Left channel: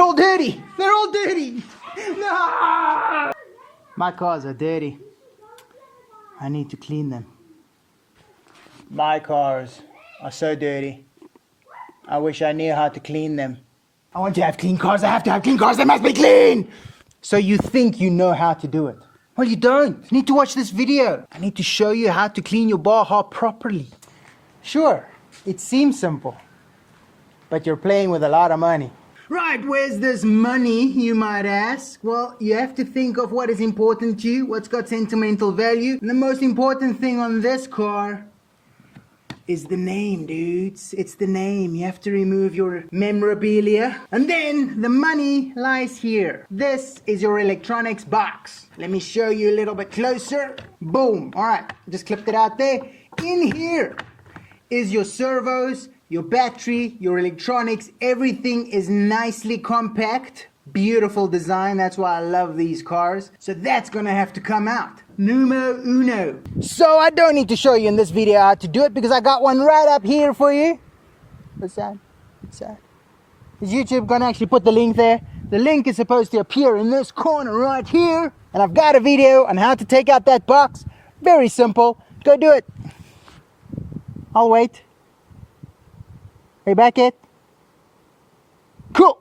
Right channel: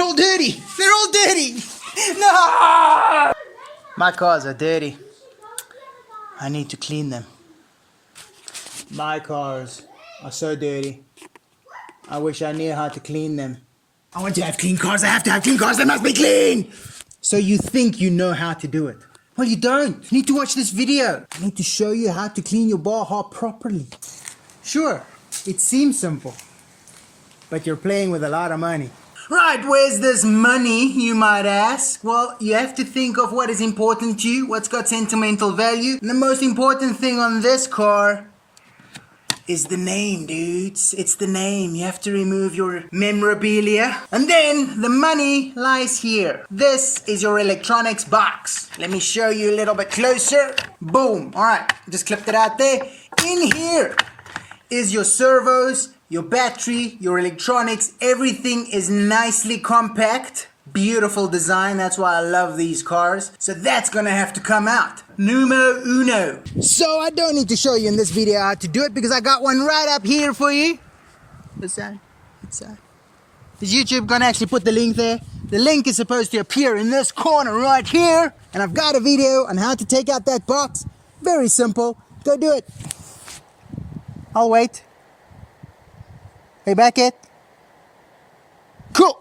They're all dirty. They're all dirty. No! My cars are dirty. I need to clean them. My cars are so dirty. I wish I knew how to clean them. I want to have clean cars. I have to have clean cars. They must be clean. So you think you know how to do it? Well, you don't. You need to watch this video. I need to show you how to clean your Baja properly. Sure, it seems simple, but you're playing with a lot of money. Right, where's this money, you might ask? Well, you have to think of what is important to you, what's got sentimental value. And the most important thing on this car is the name, dudes. It's the name. You have to remove your memorabilia. And then the money lies here. This is your electronics box. Let me show you a little bit closer. Boom. All right, just clipped it out there. In here is your servos, your battery, your electronics. Everything is nicely compact. Beautiful design. That's why I love these cars. So that's gonna have to come out. Numero uno. So I don't need to show you in this video how to do it because I got one right up here for you. What's that? What's that? Is YouTube gonna actually put the link there? The link is supposed to appear in this corner right here. And I've got a video on how to take out that box. Very simple. Go do it. I'll wait. Hey, back it. Cool.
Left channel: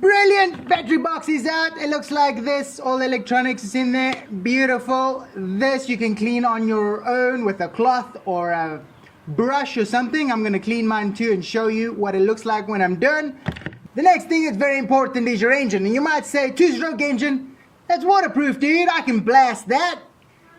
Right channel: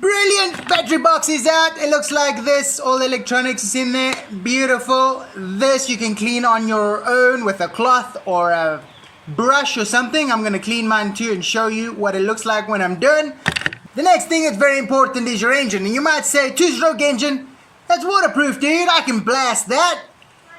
Brilliant. Battery box is out. It looks like this. All the electronics is in there. Beautiful. This you can clean on your own with a cloth or a brush or something. I'm going to clean mine too and show you what it looks like when I'm done. The next thing that's very important is your engine. And you might say, two-stroke engine, that's waterproof, dude. I can blast that.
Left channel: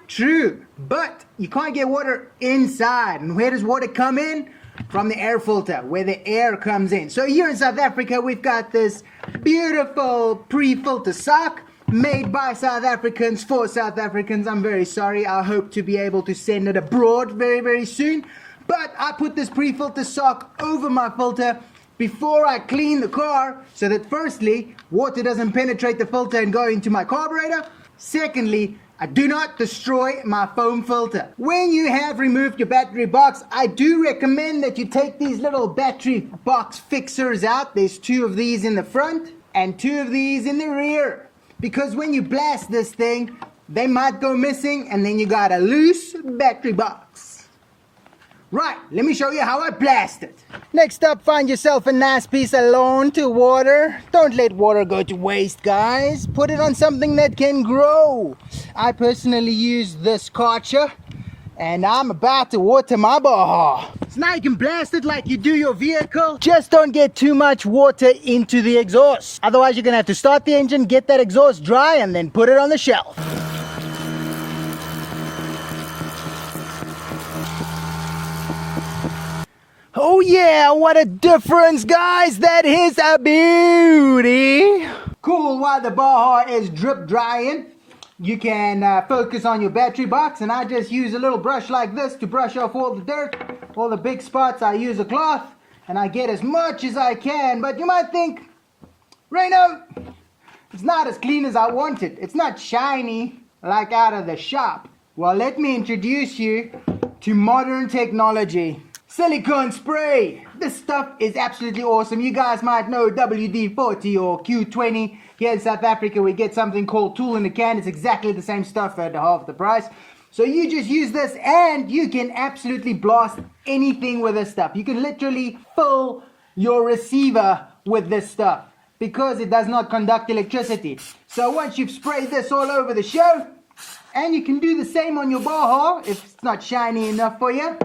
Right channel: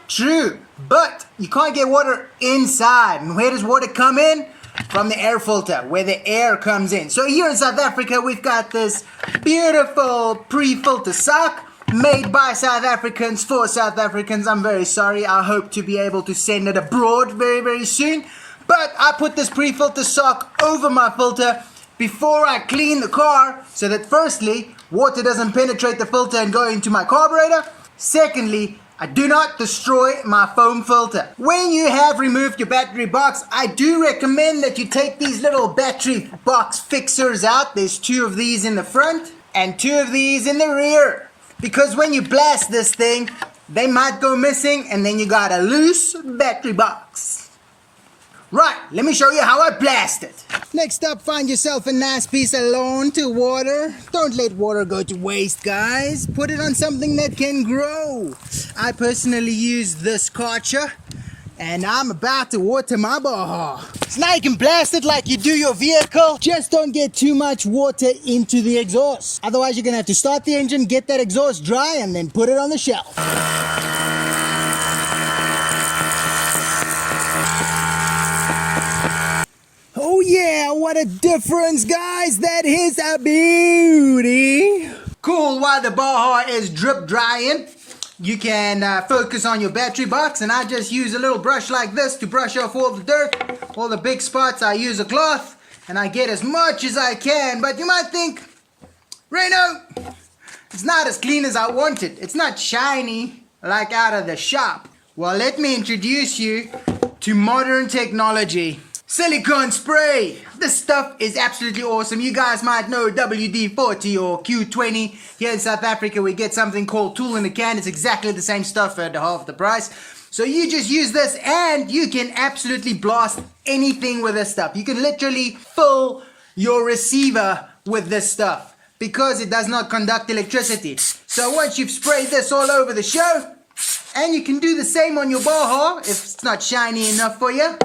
True. But you can't get water inside. And where does water come in? From the air filter, where the air comes in. So here in South Africa, we've got this beautiful pre-filter sock made by South Africans for South Africans. I'm very sorry. I hope to be able to send it abroad very, very soon. But I put this pre-filter sock over my filter before I clean the car so that firstly, water doesn't penetrate the filter and go into my carburetor. Secondly, I do not destroy my foam filter. When you have removed your battery box, I do recommend that you take these little battery box fixers out. There's 2 of these in the front and 2 of these in the rear. Because when you blast this thing, they might go missing and then you got a loose battery box. Right, let me show you how I blast it. Next up, find yourself a nice piece of lawn to water. Don't let water go to waste, guys. Put it on something that can grow. I personally use this Karcher, and I'm about to water my Baja. So now you can blast it like you do your vehicle. Just don't get too much water into the exhaust. Otherwise, you're gonna have to start the engine, get that exhaust dry, and then put it on the shelf. Oh yeah, what a difference, guys. That is a beauty. Cool, while the Baja is drip drying, you can focus on your battery box, and I just use a little brush like this to brush off all the dirt, all the big spots. I use a cloth, and I get as much as I can. But you might think, Reno, it's not as clean as I want it. It's not shiny like out of the shop. Well, let me introduce you to modern technology. Silicone spray. This stuff is absolutely awesome. You guys might know WD-40 or Q20. Here in South Africa, we get something called Tool in the Can. It's exactly the same stuff at half the price. So you just use this and you can absolutely blast anything with this stuff. You can literally fill your receiver with this stuff because it does not conduct electricity. So once you've sprayed this all over the show, and you can do the same on your Baja if it's not shiny enough for you,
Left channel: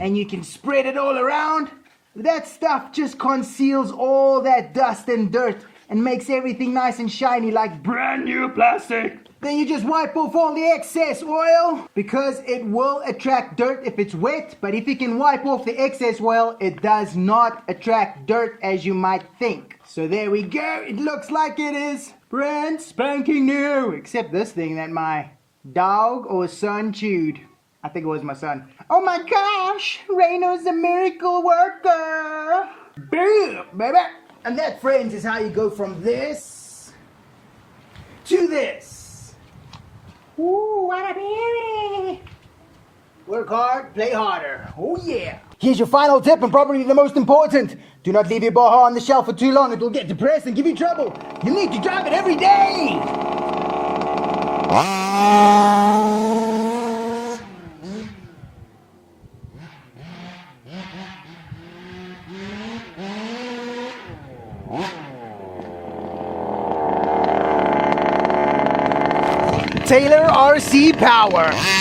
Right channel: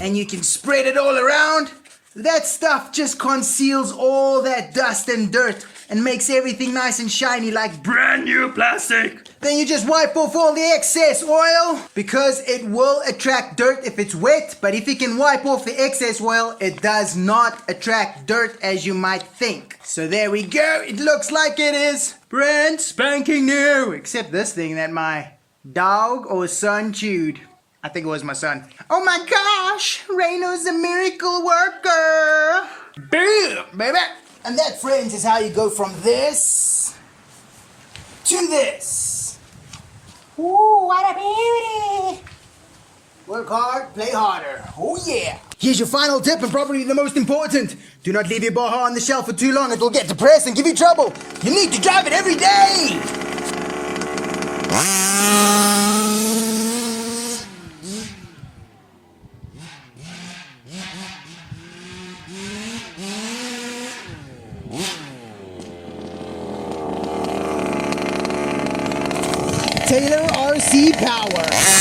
and you can spread it all around. That stuff just conceals all that dust and dirt and makes everything nice and shiny like brand new plastic. Then you just wipe off all the excess oil because it will attract dirt if it's wet, but if you can wipe off the excess oil, it does not attract dirt as you might think. So there we go. It looks like it is brand spanking new, except this thing that my dog or son chewed. I think it was my son. Oh my gosh, Reno's a miracle worker. Boom, baby. And that, friends, is how you go from this to this. Ooh, what a beauty. Work hard, play harder. Oh yeah. Here's your final tip and probably the most important. Do not leave your Baja on the shelf for too long. It will get depressed and give you trouble. You need to drive it every day. Taylor RC Power.